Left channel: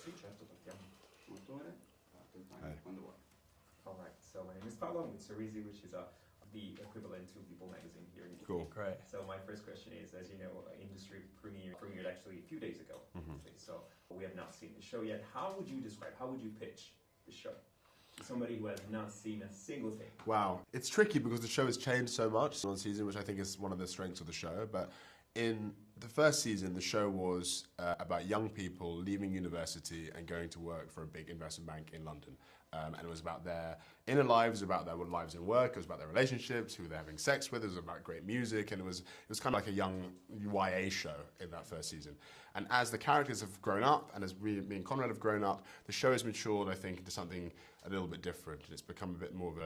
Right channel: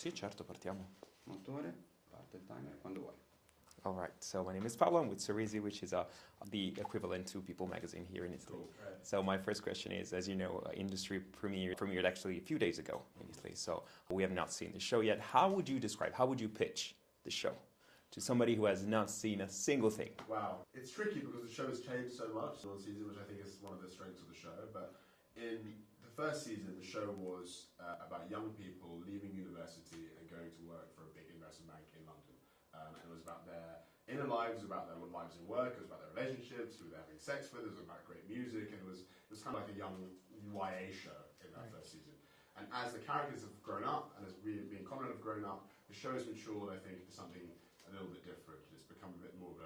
Sì, certo, partiamo. Motore, parte il timer quando vuoi. All right, so my name is Paolo. I'm with SEGUICI, which is the equivalent to People magazine here in Italy. Cool. Great. So my first question is, as you know, industry premiered actually a few days ago in Italy. So we have not seen the show yet. How would you describe, how would you pitch the show to somebody who has not seen a single thing? Wow. It's tricky because the show has changed so much on season, which I think is one of the strengths of the show. But in the first season, the show was about young people leaving university and going to work for a big investment bank in London. And it was about their inner lives, about their lives in work, it was about their relationships, who they're having sex with, it was about great music, and it was kind of like a young YA show in that first season. And as the characters have grown up, and as me and Konrad have grown up, the show has matured, I think, into something a little bit different. It's become a bit more of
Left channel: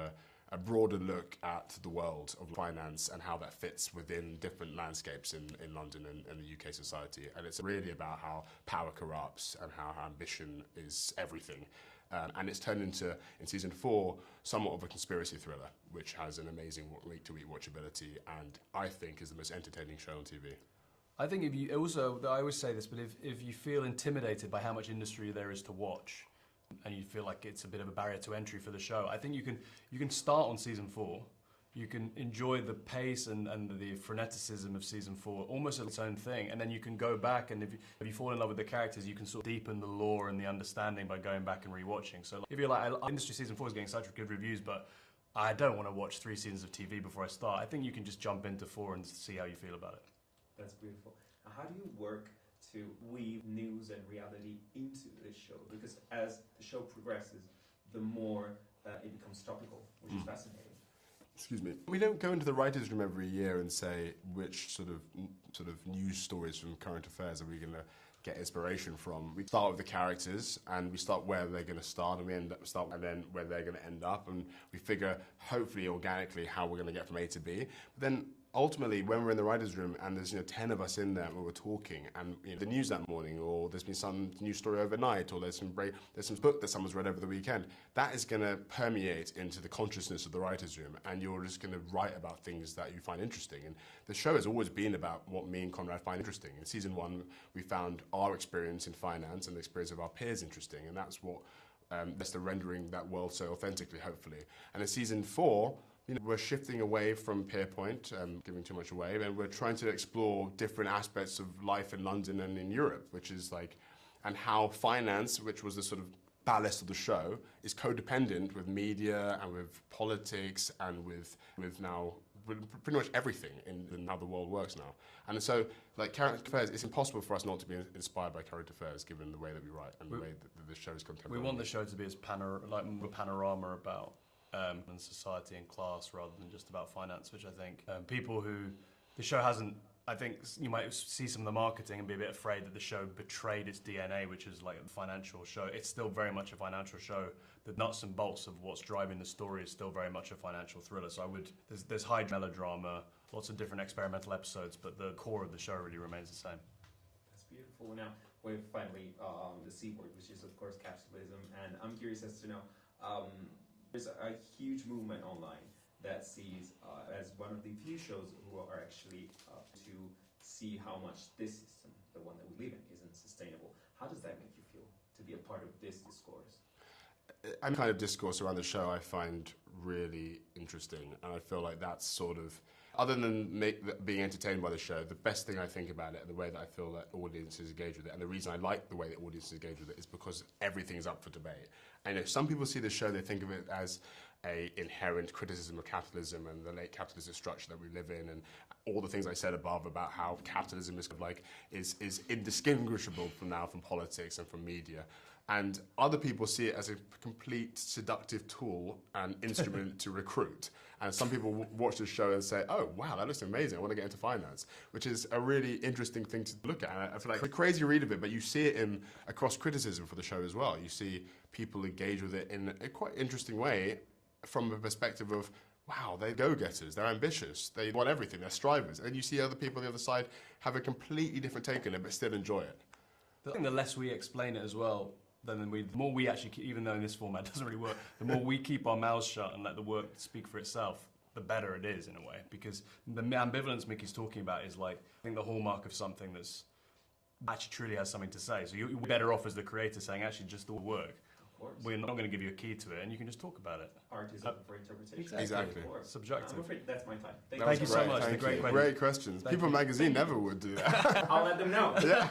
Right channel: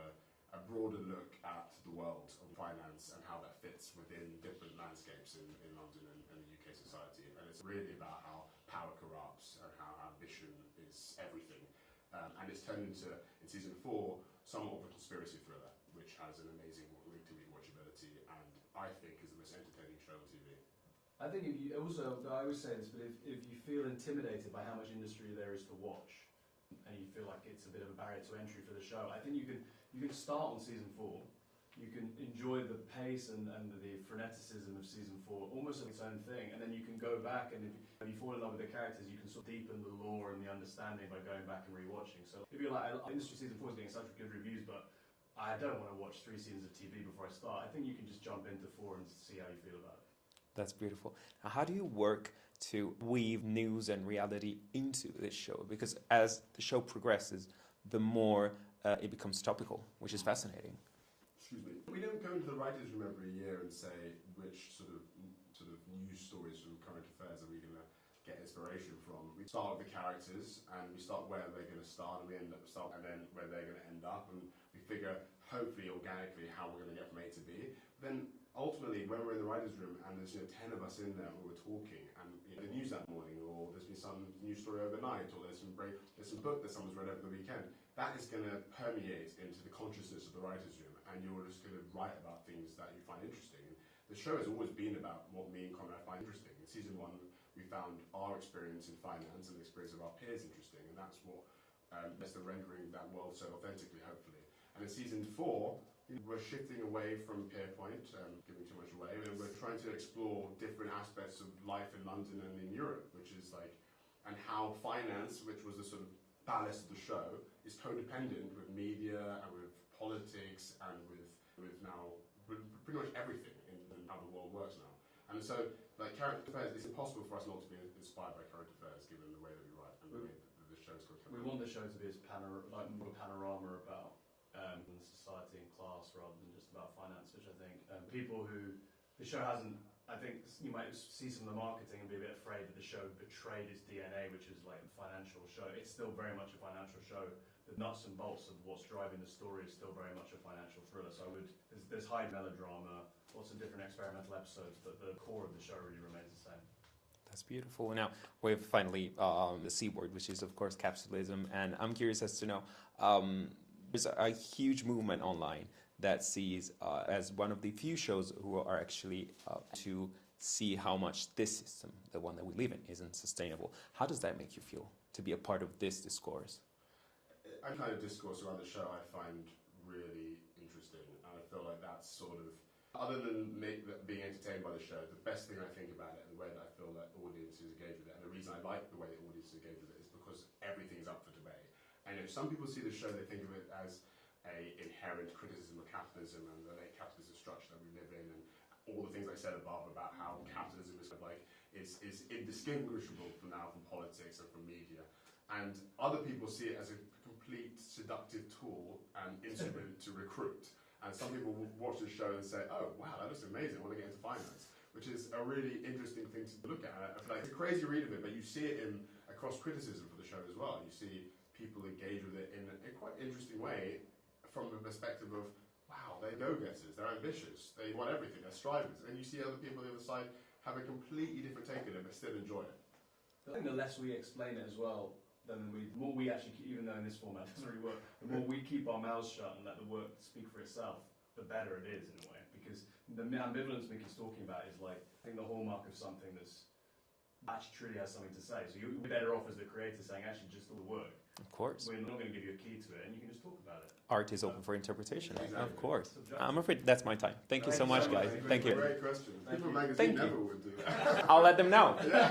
a broader look at the world of finance and how that fits within different landscapes in London and the UK society. And it's really about how power corrupts and how ambition is everything. And it's turned into, in season 4, somewhat of a conspiracy thriller, which has an amazing week-to-week watchability, and I think is the most entertaining show on TV. I think if you also, I always say this, but if you feel intimidated by how much industry there is to watch, and you feel like it's a bit of a barrier to entry for the show, I think you can start on season 4. You can enjoy the pace and the freneticism of season 4 almost as its own thing, and then you can go back, and if you fall in love with the characters, you can sort of deepen the lore and the understanding by going back and rewatching. So if you're like, industry season 4 is getting such good reviews, but I don't want to watch 3 seasons of TV before I start, I think you can just jump into 4 and see how you feel about it. That's beautiful. Now, how do you work to weave news and reality into this show? Because as the show progresses, the more it becomes topical, which is fascinating. Excuse me. We don't go into the writers' room every year and say which sort of news stories from current affairs are we going to get inspiration from. We start with the characters, and we start where they're going to start, and we end up and then where they're going to end up, and we figure, hopefully organically, how we're going to get from A to B. But then ultimately, when we're in the writers' room and there's 10 of us in there where we're talking, and the news that morning, or there's been some news story overnight, or there's some book that someone's read over the weekend, that is going to permeate into the consciousness of the writers' room, and you're just going to write about things that you find interesting. And the show has always been about what me and Konrad find interesting. In season 1, we found our experience in finance and the experience of our peers interesting, and that's what that's the rendering that world so authentically, hopefully. And in season 4, we're shifting away from Pierpoint, giving too much away, and we're trying to explore different aspects of life in London and in Europe, which is like, and how finance, which was the sort of ballast of the show, is codependent with media and with politics and with now pretty much everything in how the world works now. And so, like current affairs, it's impossible for us not to be inspired by current affairs, given the way that we write and the way that the show is contemporary. We want the show to be as more panorama about and society and class rather than just about finance, which I think people who the show hasn't, I think you might see some of the marketing and be a bit afraid that the show betrayed its DNA, which is like a financial show. It's still very much a financial show. The nuts and bolts of what's driving the story is still very much a financial thriller. So there's high melodrama, lots of different experimental episodes, but the core of the show really remains the same. That's beautiful. Now, we have finally the C word, which is of course capitalism, and I'm curious as to know, there's a huge movement online that sees as one of the few shows who are actually to see how much this system, the one that we live in, isn't sustainable. How does that make you feel to be a part of this discourse? Any kind of discourse around the show I find really interesting, and I feel like that's sort of, other than being entertained by the show, the best thing I think about it and the way that I feel that audiences engage with it, and the reason I like the way that audiences engage with it is because everything's up for debate. And if some people see the show, they think of it as an inherent criticism of capitalism and the late capitalist structure that we live in, and all the things I said above about how capitalism is indistinguishable from politics and from media. And other people see it as a complete seductive tool and instrument to recruit. And some people watch the show and say, oh, wow, that looks amazing, I want to get into finance, which is a really interesting thing to look at. And I feel like it's a crazy read of it, but you see it across criticism for the show as well. You see people engage with it in a quite interesting way from a perspective of, wow, they're go-getters, they're ambitious, they want everything, they're strivers. And you see other people on the other side have a completely different take on it, but still enjoy it. I think the less we explain it as well, the more we actually, even though in this format it doesn't really work, the more we keep our mouths shut and let the work speak for itself, the better it is in a way. Because the ambivalence Mickey's talking about is like, I think the hallmark of something that's actually truly has something to say. So you're better off as the creator saying, actually, just all the work. Of course. We're not going to give you a key to it, and you can just talk about it. Art is open for interpretation. Exactly. Of course. Subjective. I'm afraid that's my time. Thank you Thank so you so much. much. Thank Great you. Great questions. Thank People you. Magazine never would do that. I'll let them know. Yeah.